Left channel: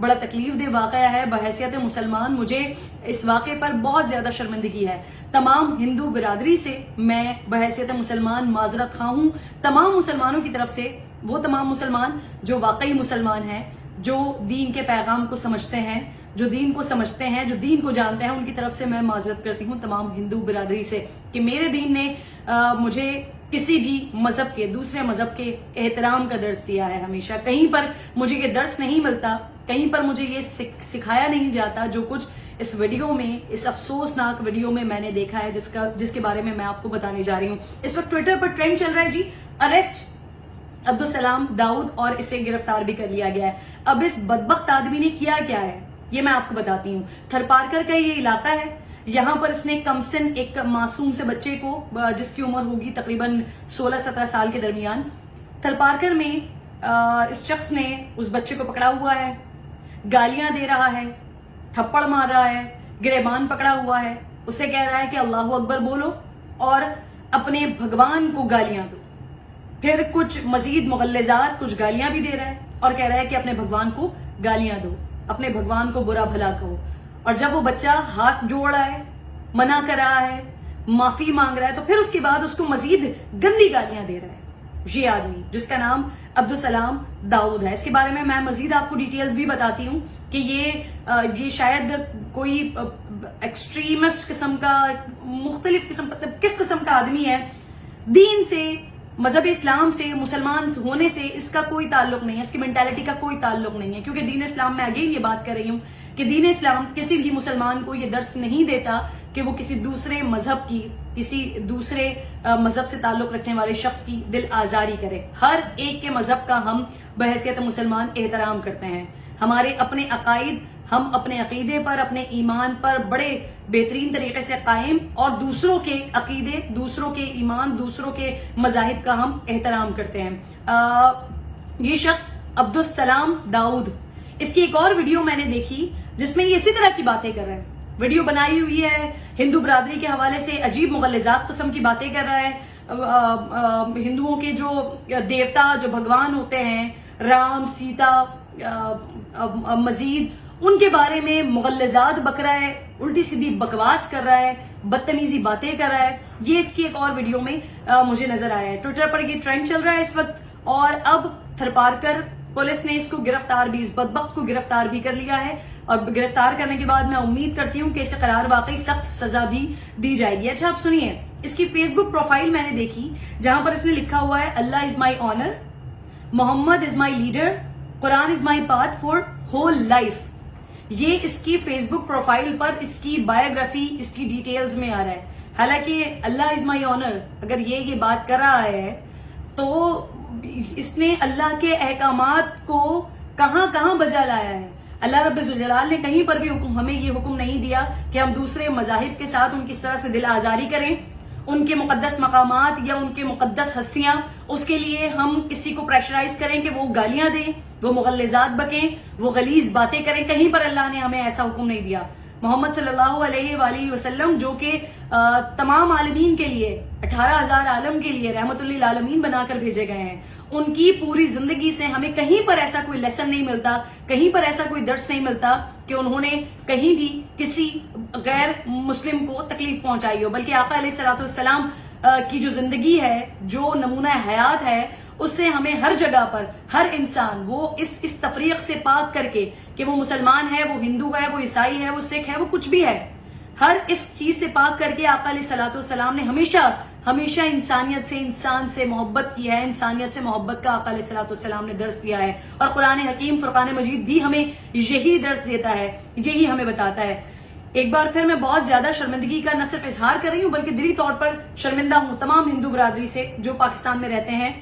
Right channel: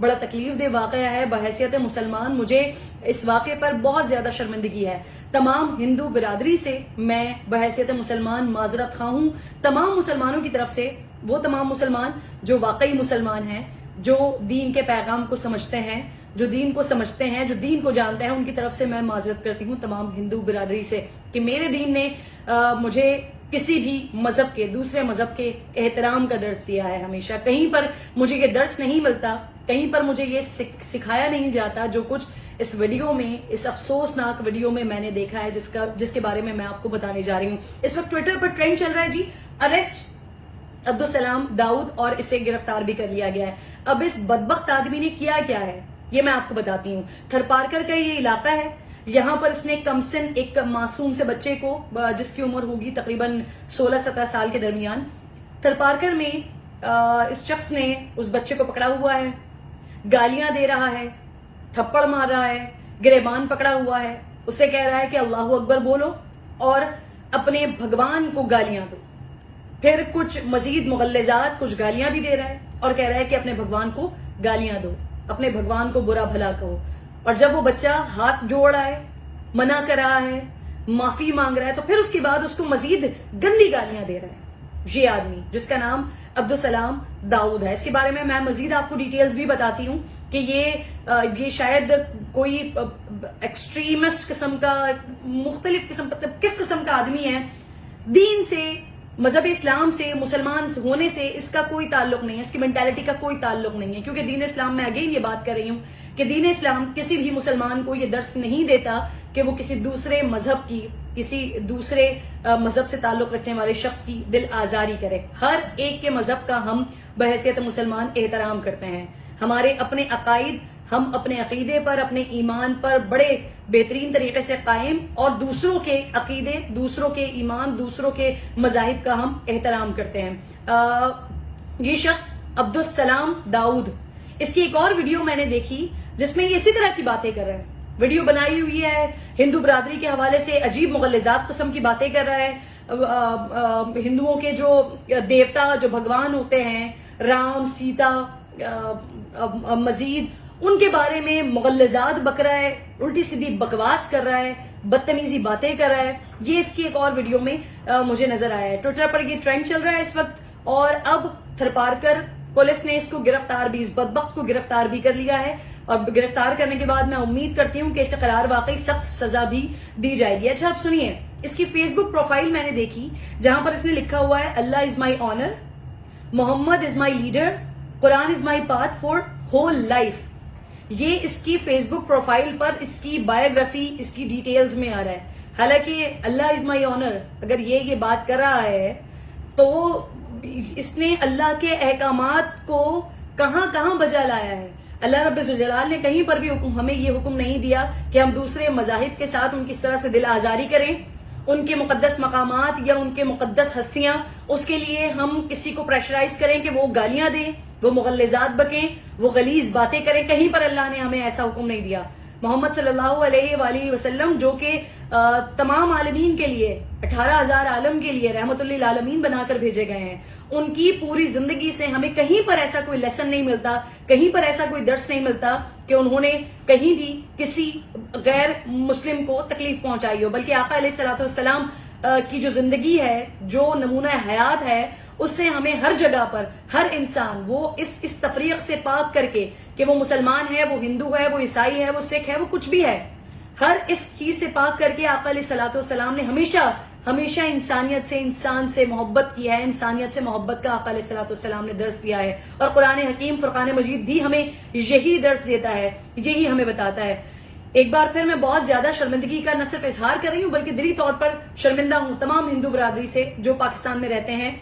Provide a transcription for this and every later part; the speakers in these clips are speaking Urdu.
بڑا تکلیف دہ واقعہ ہے. بحیثیت مسلمان مجھے اس واقعے پر بہت زیادہ شرمندگی ہے. تمام ہندو برادری سے میں بحیثیت مسلمان معذرت خواہ ہوں. تمام مسلمانوں کی طرف سے، وہ تمام مسلمان جو واقعی مسلمان ہیں، جو دین کے پیغام کو سمجھتے ہیں، جو دین کو سمجھتے ہیں، جو دین کو جانتے ہیں، ان کی طرف سے میں معذرت کرتی ہوں تمام ہندو برادری سے کہ میرے دین نے مجھے کسی بھی مذہب کے، دوسرے مذہب کے احترام کا درس دیا ہے. ہمیشہ کہیں پر مجھے یہ درس نہیں ملتا، کہیں پر مجھے یہ سکھایا نہیں جاتا جو کچھ اس ویڈیو میں، اس افسوسناک ویڈیو میں میں نے دیکھا ہے، جس کے بارے میں آپ کو بتانے جا رہی ہوں. اس وقت ٹویٹر پر ٹرینڈ چل رہا ہے جی، اریسٹ عبدالسلام داؤد، اور اسے گرفتار بھی کر لیا گیا ہے. اب اس بدبخت آدمی نے کیا ہے یہ میں آپ کو بتاتی ہوں. تھرپارکر کا یہ علاقہ ہے. یہاں پر اس نے کمسن ایک معصوم سے بچے کو، جس کی عمر ہوگی تقریباً 16-17 سال کے درمیان، تھرپارکر میں اس شخص نے اس بچے کو پکڑا ہوا ہے، گالیاں دے رہا ہے، تھپڑ مار رہا ہے، گریبان پکڑا ہوا ہے، اسے کہہ رہا ہے کہ اللہ اکبر بولو اور اپنے بھگوان کو گالیاں دو. پھر کچھ مزید مغلظات، کچھ گالیاں بھی دے رہا ہے اور کہہ رہا ہے کہ اپنے بھگوان کو گالیاں دو، اپنے بھگوان کو برا بھلا کہو. اور جب وہ بچہ ہاتھ جوڑ رہا ہے، منع کر رہا ہے، معافی مانگ رہا ہے، تو پھر اس کے بعد اس کو مزید گندی گالیاں دے رہا ہے یہ آدمی، جس کا نام عبدالسلام داؤد ہے. اس کے بارے میں مزید آپ کو ڈیٹیلز بھی بتاتی ہوں کہ یہ شاید کوئی ایکسٹریمسٹ قسم کا، مختلف قسم کا، کس قسم کا آدمی ہے. دین سے، مذہب اسلام سے، مسلمان ہونے سے اس کا کوئی تعلق نہیں ہے، اس کی مینٹالٹی کا کوئی تعلق نہیں ہے. کیونکہ دین اسلام میں اگین یہ بات کر رہی ہوں کہ دین اسلام کسی بھی مسلمان کو یہ درس نہیں دیتا کہ وہ کسی دوسرے مذہب کی، کسی دوسرے مذہب سے تعلق رکھنے والے شخص کی دل آزاری کرے. ہر ایک کے مذہب کا ہم بحیثیت مسلمان احترام کرتے ہیں. ہمارے اپنے عقائد، ہم اپنے عقیدے پر، اپنے ایمان پر بڑے بہترین طریقے سے قائم، اور دوسروں کے عقیدے، دوسروں کے ایمان، دوسروں کے مذاہب کا ہم احترام کرتے ہیں. یہ شخص عبدالسلام داؤد، اس کی ایک اور ویڈیو میں نے دیکھی جس میں یہ اسی طرح کی باتیں کر رہا ہے. ویڈیو بنائی ہوئی ہے، ہندو برادری کے حوالے سے عجیب مغلظات قسم کی باتیں کر رہا ہے. ہندوؤں کے جو دیوتا، جو بھگوان ہوتے ہیں، رام، سیتا، مزید ان کے بارے میں مغلظات بک رہا ہے، الٹی سیدھی بکواس کر رہا ہے، بدتمیزی باتیں کر رہا ہے. یہ اس کی ایک اور ویڈیو میں مجھے نظر آیا ہے. ٹویٹر پر یہ ٹرینڈ چل رہا ہے اس وقت، اور اب تھرپارکر پولیس نے اس کو گرفتار بھی، اس بدبخت کو گرفتار بھی کر لیا ہے. اور گرفتار کرنے کے بعد میں امید کرتی ہوں کہ اسے قرار واقعی سخت سزا بھی دی جائے گی. اچھا آپ سنیے، اس کی فیس بک پروفائل میں نے دیکھی جہاں پر اس نے لکھا ہوا ہے Allah is my honour, Muhammad is my leader, Quran is my path for whole life. یہ اس کی فیس بک پروفائل پر اس کی بایوگرافی، اس کی ڈیٹیلز میں آ رہا ہے. حالانکہ اللہ از مائی آنر اگر یہ بات کر رہا ہے تو اس نے اللہ کے احکامات کو کہاں کہاں بجا لایا ہے. اللہ رب الجلال نے کہیں پر بھی ہمیں یہ حکم نہیں دیا کہ ہم دوسرے مذاہب کے ساتھ ان کی طرح سے دل آزاری کریں، ان کے مقدس مقامات یا ان کے مقدس ہستیاں، اس کے لیے ہم کسی کو پریشرائز کریں کہ وہ گالیاں دیں، وہ مغلظات بکیں، وہ غلیظ باتیں کریں. کہیں پر اللہ نے ہمیں ایسا حکم نہیں دیا. محمد صلی اللہ علیہ وآلہ وسلم جو کہ تمام عالمین کے لیے، 18,000 عالم کے لیے رحمت للعالمین بنا کر بھیجے گئے ہیں، ان کی پوری زندگی سے ہمیں کہیں پر ایسا کوئی لیسن نہیں ملتا، کہیں پر ایسا کوئی درس نہیں ملتا کہ انہوں نے کہیں بھی کسی غیر مسلم کو تکلیف پہنچائی ہو. بلکہ آقا علیہ الصلوۃ والسلام کی جو زندگی ہے، جو نمونہ حیات ہے، اس سے ہمیں ہر جگہ پر ہر انسان وہ اس تفریق سے پاک کر کے کہ وہ مسلمان ہے، وہ ہندو ہے، وہ عیسائی ہے، وہ سکھ ہے، وہ کچھ بھی ہے، ہر اس چیز سے پاک کر کے آقا علیہ الصلوۃ والسلام نے ہمیشہ انسانیت سے، انسان سے محبت کی ہے، انسانیت سے محبت کا آقا علیہ الصلوۃ والسلام نے درس دیا ہے. اور قرآن حکیم، فرقان مجید بھی ہمیں یہی درس دیتا ہے، یہی ہمیں بتاتا ہے. ایک بار پھر میں بہت زیادہ شرمندگی کا نہ صرف اظہار کر رہی ہوں بلکہ دلی طور پر شرمندہ ہوں تمام ہندو برادری سے جو پاکستان میں رہتے ہیں،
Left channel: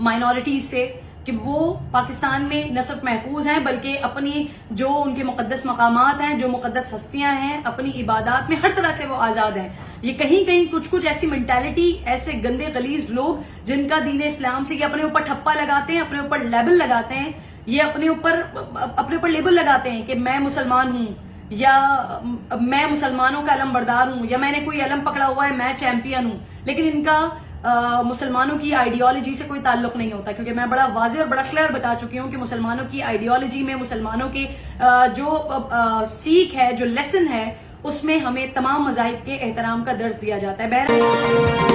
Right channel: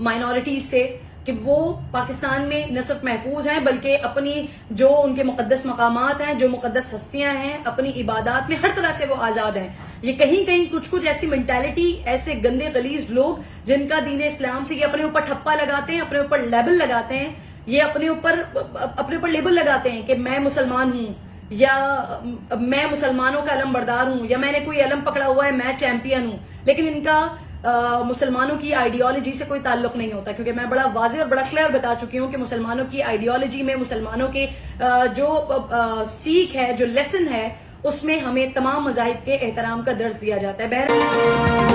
مائنورٹیز سے، کہ وہ پاکستان میں نہ صرف محفوظ ہیں بلکہ اپنی جو ان کے مقدس مقامات ہیں، جو مقدس ہستیاں ہیں، اپنی عبادات میں ہر طرح سے وہ آزاد ہیں. یہ کہیں کچھ ایسی مینٹالٹی، ایسے گندے غلیظ لوگ جن کا دین اسلام سے یہ اپنے اوپر ٹھپا لگاتے ہیں، اپنے اوپر لیبل لگاتے ہیں، یہ اپنے اوپر لیبل لگاتے ہیں کہ میں مسلمان ہوں، یا میں مسلمانوں کا علم بردار ہوں، یا میں نے کوئی علم پکڑا ہوا ہے، میں چیمپئن ہوں. لیکن ان کا مسلمانوں کی آئیڈیالوجی سے کوئی تعلق نہیں ہوتا، کیونکہ میں بڑا واضح اور بڑا کلیئر بتا چکی ہوں کہ مسلمانوں کی آئیڈیالوجی میں، مسلمانوں کے جو سیکھ ہے، جو لیسن ہے، اس میں ہمیں تمام مذاہب کے احترام کا درس دیا جاتا ہے۔ بہرحال